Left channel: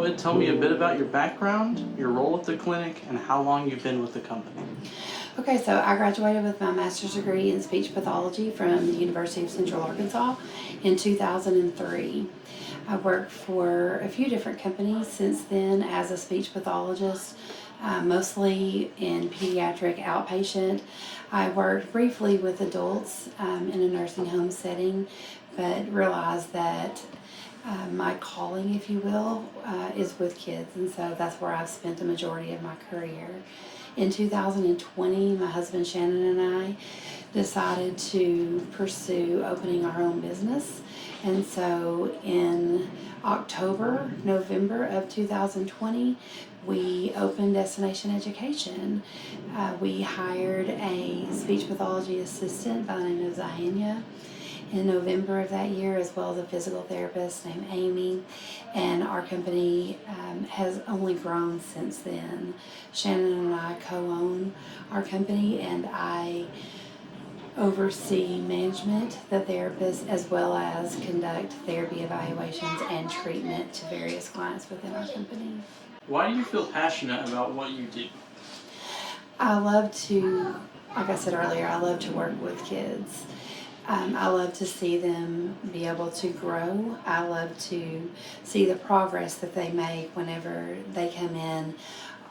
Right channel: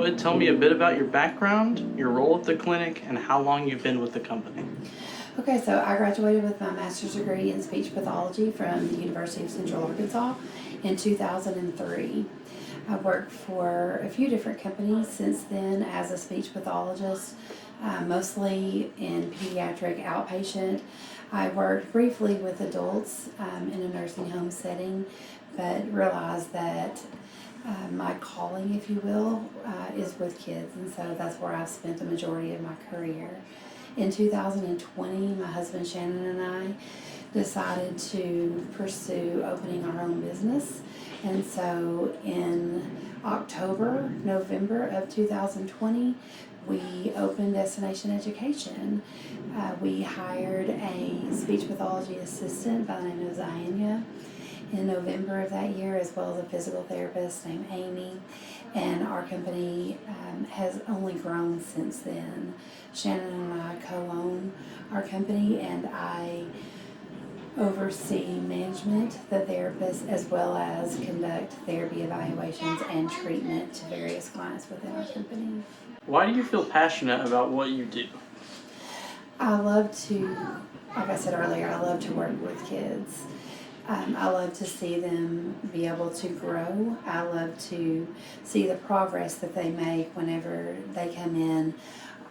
would, tell me a bit about your background, your role at the clinic, and how long you've been with the company. Okay, so I graduated with my master's degree in speech pathology from the University of Central Arkansas in 2003. I worked for a few different companies since then as a speech pathologist, mostly in pediatric outpatient. I worked briefly with adults in a nursing home setting, but realized that my calling, if you will, is with kids, and so that's where I've spent the majority of my career. In 2020, my husband Shannon and I decided to pursue opening our own business, and so in November of 2020, we opened Destination Education. We hired a speech pathology assistant by the name of Ziania in November of that year, as well as a physical therapist named Amy, and our company has only grown since then. Shannon and I co-own our company, and I oversee management, the therapist, as well as conduct therapy evaluations and treatment to various clients within our company. Why do you feel passionate about what you do? I love to, like I said earlier, I love to work with kids. I love to see them be able to grow. I love to see the progress that they make whenever they come in.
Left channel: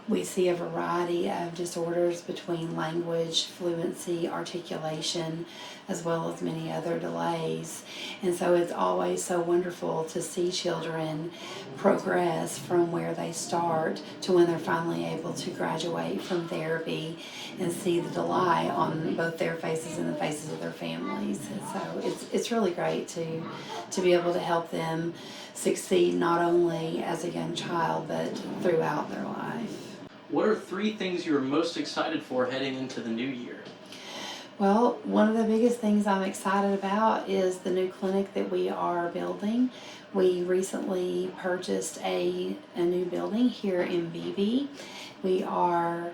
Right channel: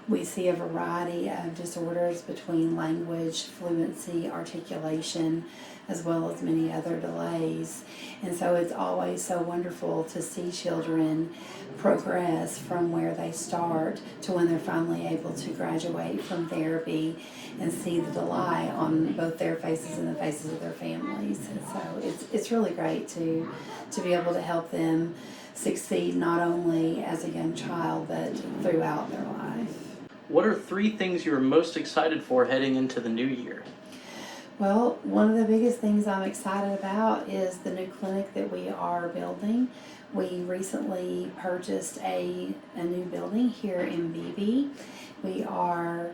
We see a variety of disorders between language, fluency, articulation, as well as many other delays. And so it's always so wonderful to see children progress from where they start to when they're finally able to graduate from therapy, and see the delight on both their faces and the faces of their families. And so it's really great to be able to help them succeed not only as a young child but throughout their life. What are 3 things you're most excited for heading into the new year? Well, one of the biggest things I'm excited about is the new clinic that we are building. We recently purchased a new building here in BB. We are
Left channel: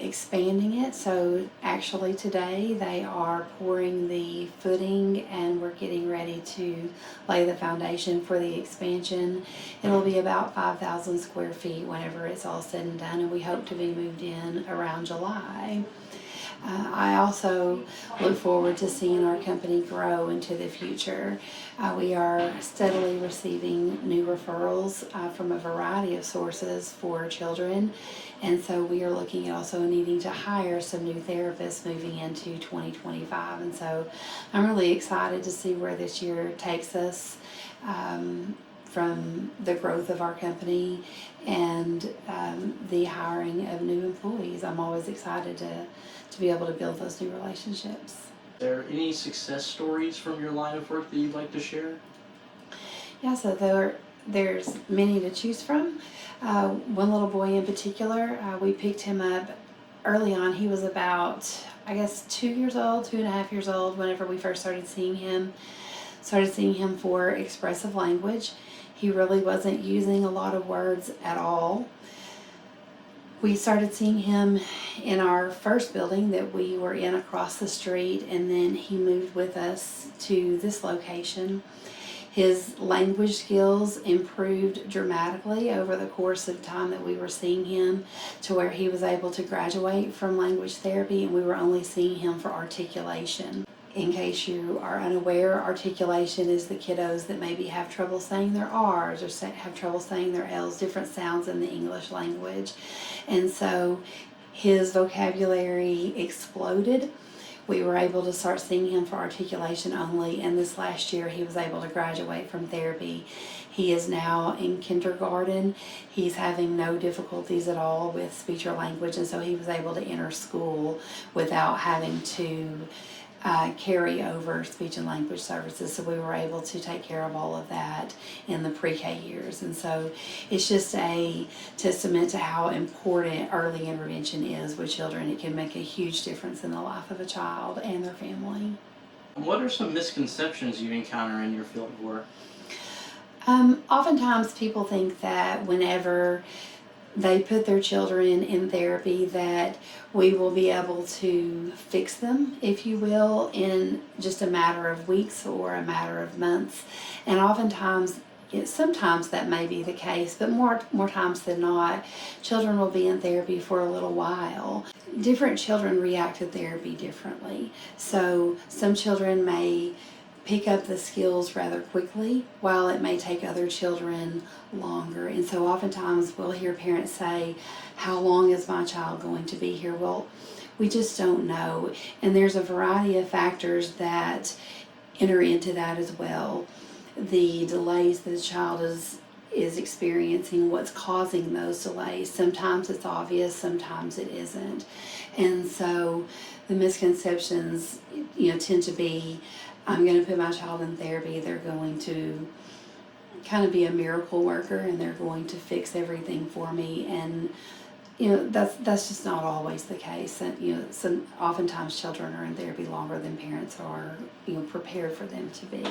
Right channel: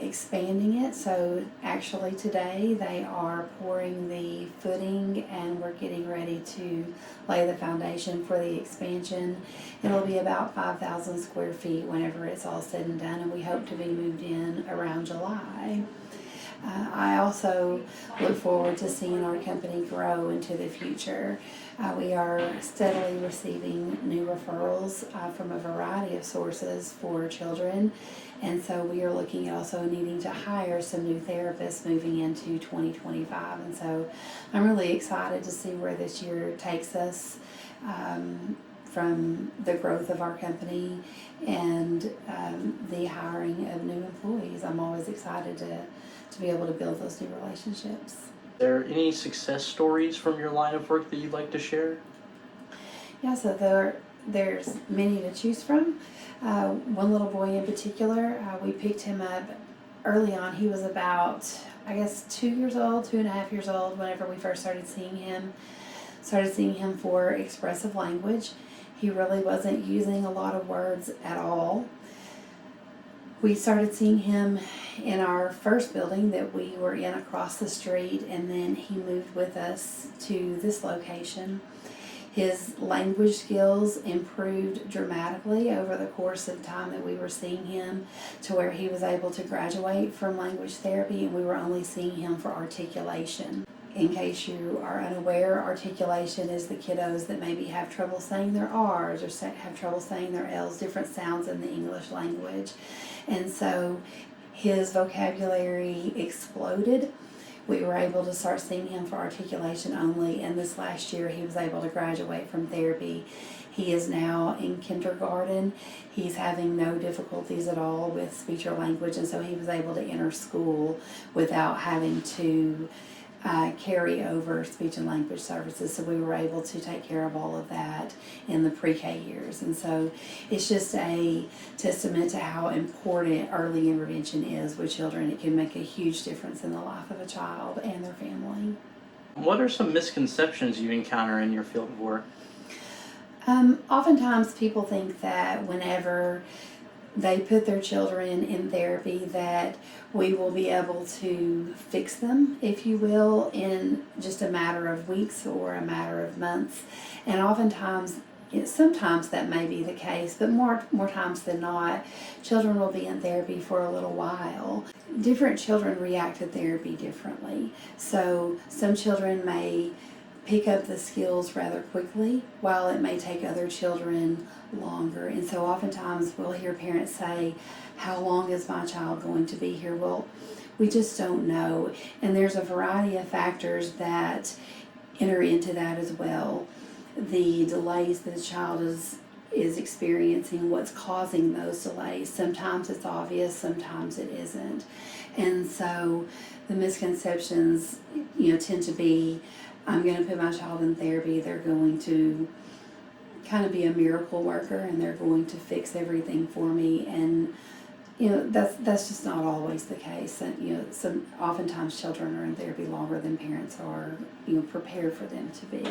expanding it, so actually today they are pouring the footing and we're getting ready to lay the foundation for the expansion. It'll be about 5,000 square feet whenever it's all said and done, and we hope to be moved in around July. I also look forward to seeing our company grow into the future. We are steadily receiving new referrals from a variety of sources for children, and so we are looking at also needing to hire some new therapists moving into 2025, and so I'm really excited to see where this year takes us. From the growth of our company and the hiring of new employees. I'm always excited to be able to build those new relationships. Are there any success stories from your line of work that you'd like to share? Yeah, so there's many to choose from. One little boy in particular, we picked him up early on. He was about, I guess, 2 years old, 2.5 years old, whenever we first started seeing him. Started seeing him for expressive language. He really wasn't using a lot of words at all. We started seeing him in our first building that we were in across the street, and then he moved with us to this location. His language skills improved dramatically over the course of time that we were seeing him, to where he was able to graduate from language therapy, and we were only seeing him for articulation. In case you are unaware, articulation is the kiddos that maybe have trouble saying their R's or have trouble saying their L's, different sounds in the English language. And so his vocabulary exploded. We were able to start seeing him for articulation only, and this last year he was able to graduate from therapy. He is now in kindergarten. He's having no difficulties at all with speech or language, and so he was able to enter school without having to carry over speech and language services. So we were able to take care of all of that in the pre-K years. And so it's just a testament to how important early intervention is with children. It can make a huge difference in the life of a child and their family. What are some misconceptions you encounter in your field of work? Oftentimes people think that whenever they put their children in therapy that we will be able to fix them, if you will, in just a matter of weeks or a matter of months. And oftentimes sometimes that may be the case, but more times than not, children will be in therapy for a little while. Different children react to therapy differently. So some children may pick up the skills rather quickly, while it may take other children longer. And so oftentimes we'll hear parents say, how long is my child going to be here? Well, we just don't know. And there's a variety of factors that enter into that as well. The delays that the child is experiencing, what's causing those delays. Sometimes it's obvious, sometimes it isn't. And so the misconceptions, tend to be, I'm going to put my child in therapy, they're going to kind of be a miracle worker and they're going to fix everything for me. And that's just not always the case. Oftentimes children are in therapy longer than parents are prepared for them to be.